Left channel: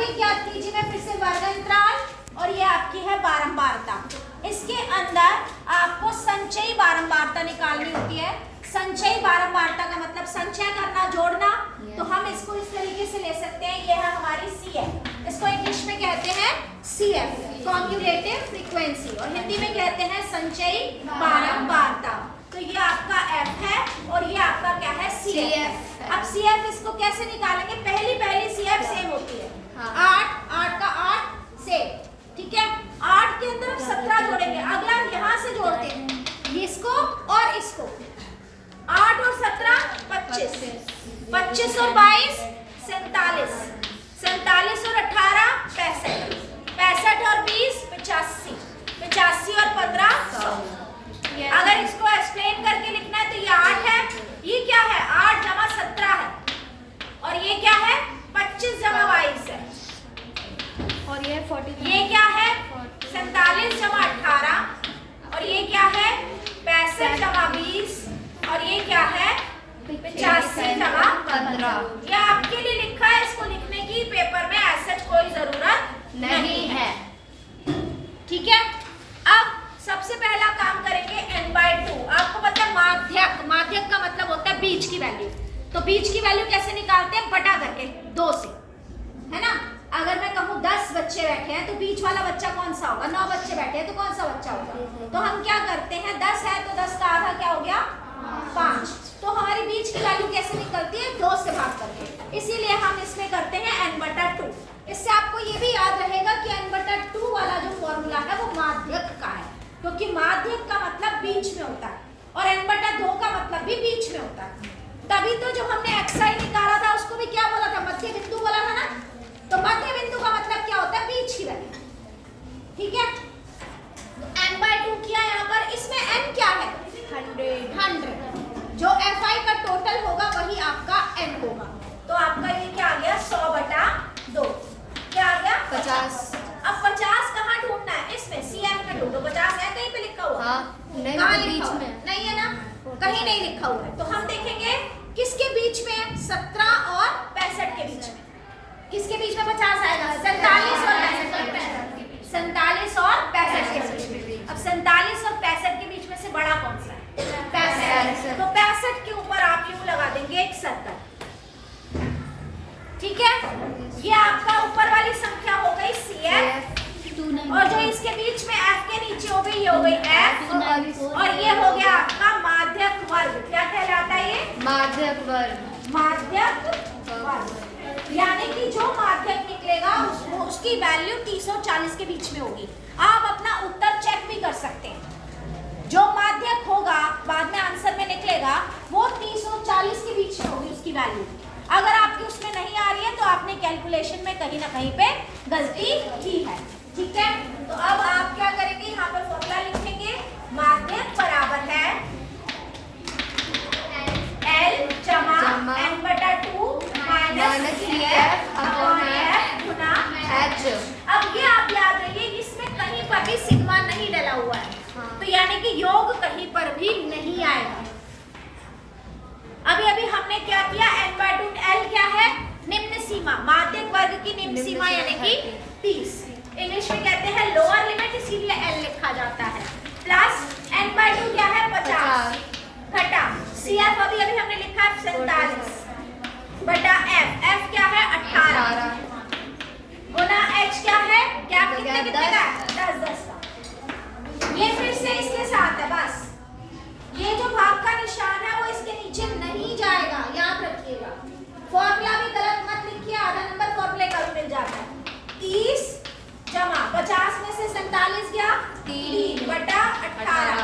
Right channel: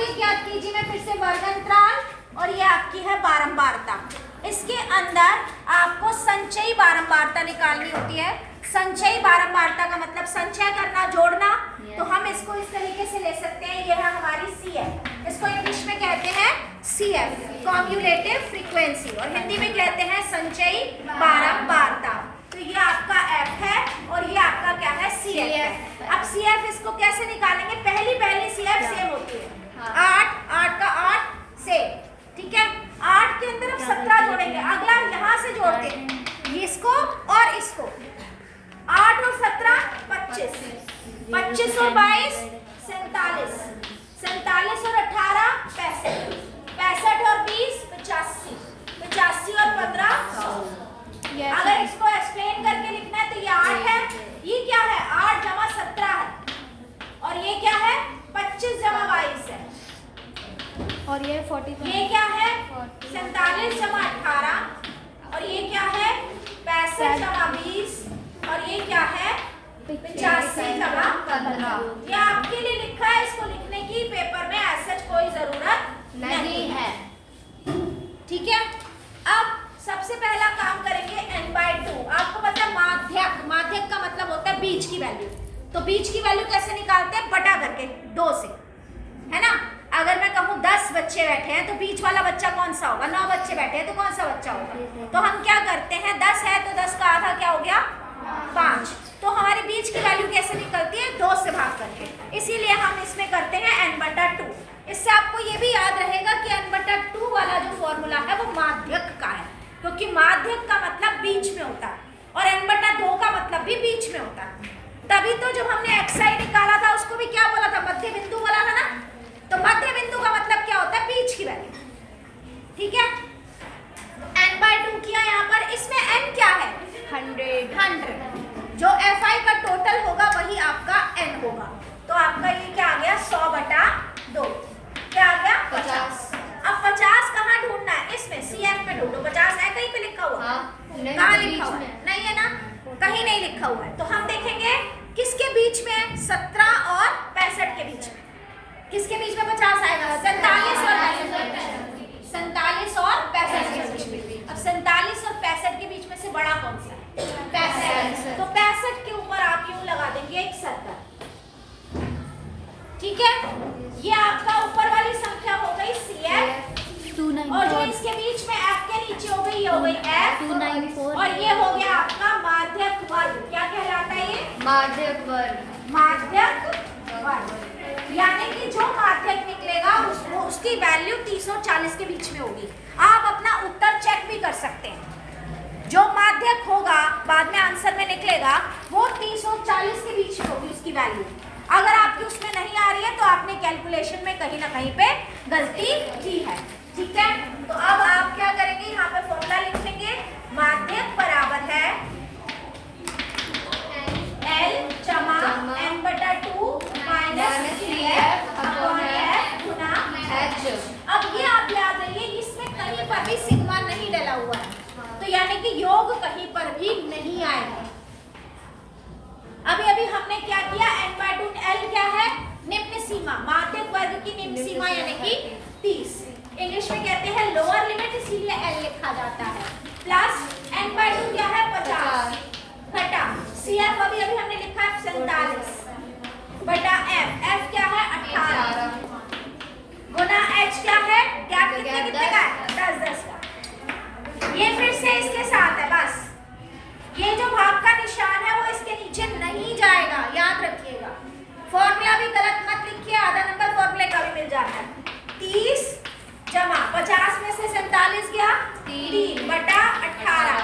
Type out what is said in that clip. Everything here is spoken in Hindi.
आगे क्या कीजिए में फिर से वर्ग अंतराल और ये आपकी है बारंबारता। इसके अंदर आपको संचयी बारंबारता निकालनी होती है। संचयी बारंबारता का मतलब संचय करना, जोड़ना। तो हम इसको इस तरीके से ले सकते हैं, ये है हमारी CF, इसको इंग्लिश में कहते हैं CF, कॉम्युलेटिव फ्रीक्वेंसी, और हिंदी में कहते हैं संचयी बारंबारता। तो ये आपका F है और ये आपका क्या है CF है। अब CF इसको कैसे निकालेंगे? पहली CF सेम होती है, 8 का 8 सेम, ठीक है। 8 के अंदर हम 17 जोड़ेंगे, अगला यहाँ से जोड़ते हैं इसको और इसको, 8 और 17 25, 25 और 22 47, 47 और 18 65, 65 और 20 85, 85 और 15 100। अगर इसको एक्सप्लेन करके लिखना है तो ये 8 है, ये क्या है 8 जमा 17 है, और ये क्या है 25 जमा 22 है, और ये 40, ये क्या है 47 जमा 18, और ये क्या है 65 जमा 20, और ये क्या है 85 जमा 15। ये आपके लिए लिखा है, इसको लिखने की पेपर में ऐसा कोई जरूरत नहीं है, ठीक है। अब सबसे पहला काम करेंगे n/2। आपको पता है माध्यक, माध्यक का मतलब होता है बीच की वैल्यू। तो बीच की वैल्यू कैसे निकालते हैं? बटा करके 2 से, है ना। अगर मैं कहूँ 10 बच्चे बैठे हैं तो बीच वाला बच्चा कौन सा होगा? 9 बच्चे बैठे हैं तो कौन सा बच्चा होगा? तो हम क्या करते हैं, 10 है तो 10 का आधा क्या हो गया 5। तो हमारी बीच की वैल्यू कैसे निकलती है? 2 से भाग करके। इसीलिए हम इसमें करते हैं n/2। इससे आपको ये भी याद रहेगा कि n/2 वाला जो फॉर्मूला है वो माध्यक का है, क्योंकि माध्यक का मतलब बीच में होता है और n/2 का मतलब भी बीच में होता है। तभी तो जब हमने xi निकाला था उसको भी क्या बोला था? मध्य बिंदु बोला था ना। तो मध्य बिंदु का मतलब क्या होता है? बीच की वैल्यू, ठीक है। n/2 किया यहाँ पर, इसमें n क्या है 100। जो fi का टोटल होगा वही आपका n होगा। तो आपका ये क्या आ गया 100/2, क्या आ गया 50। अब 50 कहाँ ढूंढना है? इसमें CF में ढूंढो। 50 है कहीं पे लिखा हुआ? कहाँ लिखा हुआ? नहीं है ना, कहीं नहीं लिखा हुआ है। तो हम देखेंगे किसके बीच में? 17 और 65 के बीच में। किसके बीच में 50 आएगा? 47 और 65, 47 और 65 के बीच में। अब 47 और 65 के बीच में से बड़ा कौन सा है? 65। तो 65 के ऊपर आप यूं लगा देंगे एक 70, ठीक है। ये आपका ऊपर वाली संख्या हो गई CF, और जो इसके बीच में F के नीचे हो गई ये हो गई F, और ये हो गया आपका माध्यक वर्ग। क्या कहलाता है ये? माध्यक वर्ग। माध्यक वर्ग, यानी कि जो माध्यक निकलेगा उसकी वैल्यू 30 और 40 के बीच में होगी। आप अपना उत्तर चेक भी कर सकते हैं। जो माध्यक होगा बाद में आंसर में निकलेगा वो 30 और 40 के बीच में होगी उसकी वैल्यू। अगर आपकी उसमें नहीं आ रही है तो आपने कैलकुलेशन में कहीं ना कहीं पे गलती की है, ठीक है। तो अब आप क्या करेंगे, यहाँ पे फॉर्मूला लिखेंगे। माध्यक बराबर है L जमा n/2 माइनस CF/F गुना H। अब ये आप याद रखिए, इसमें कहीं पर भी सिग्मा नहीं डला हुआ है, तो यानी कि योग कहीं पर भी नहीं आएगा। अभी हमने क्या किया, n/2 L क्या है? निम्न सीमा, माध्यक वर्ग की निम्न सीमा यानी कि 30। इंग्लिश में कहते हैं लोअर लिमिट, इसीलिए L लिखा जाता है। प्लस n/2 क्या है 50 घटा CF अभी हमने लिखा है 47 बटा F क्या है 18 गुना H क्या है? गैप कितने का है? 10 का। ये फिर से इसके साथ है, बस ये जो भाग का निशान है वो इसके नीचे नहीं जाएगा, याद रखिएगा। फॉर्मूला भी गलत मत लिखिए, आधा नंबर फॉर्मूले का भी मिल जाता है। 30 जमा 50 में से 47 गया 3/18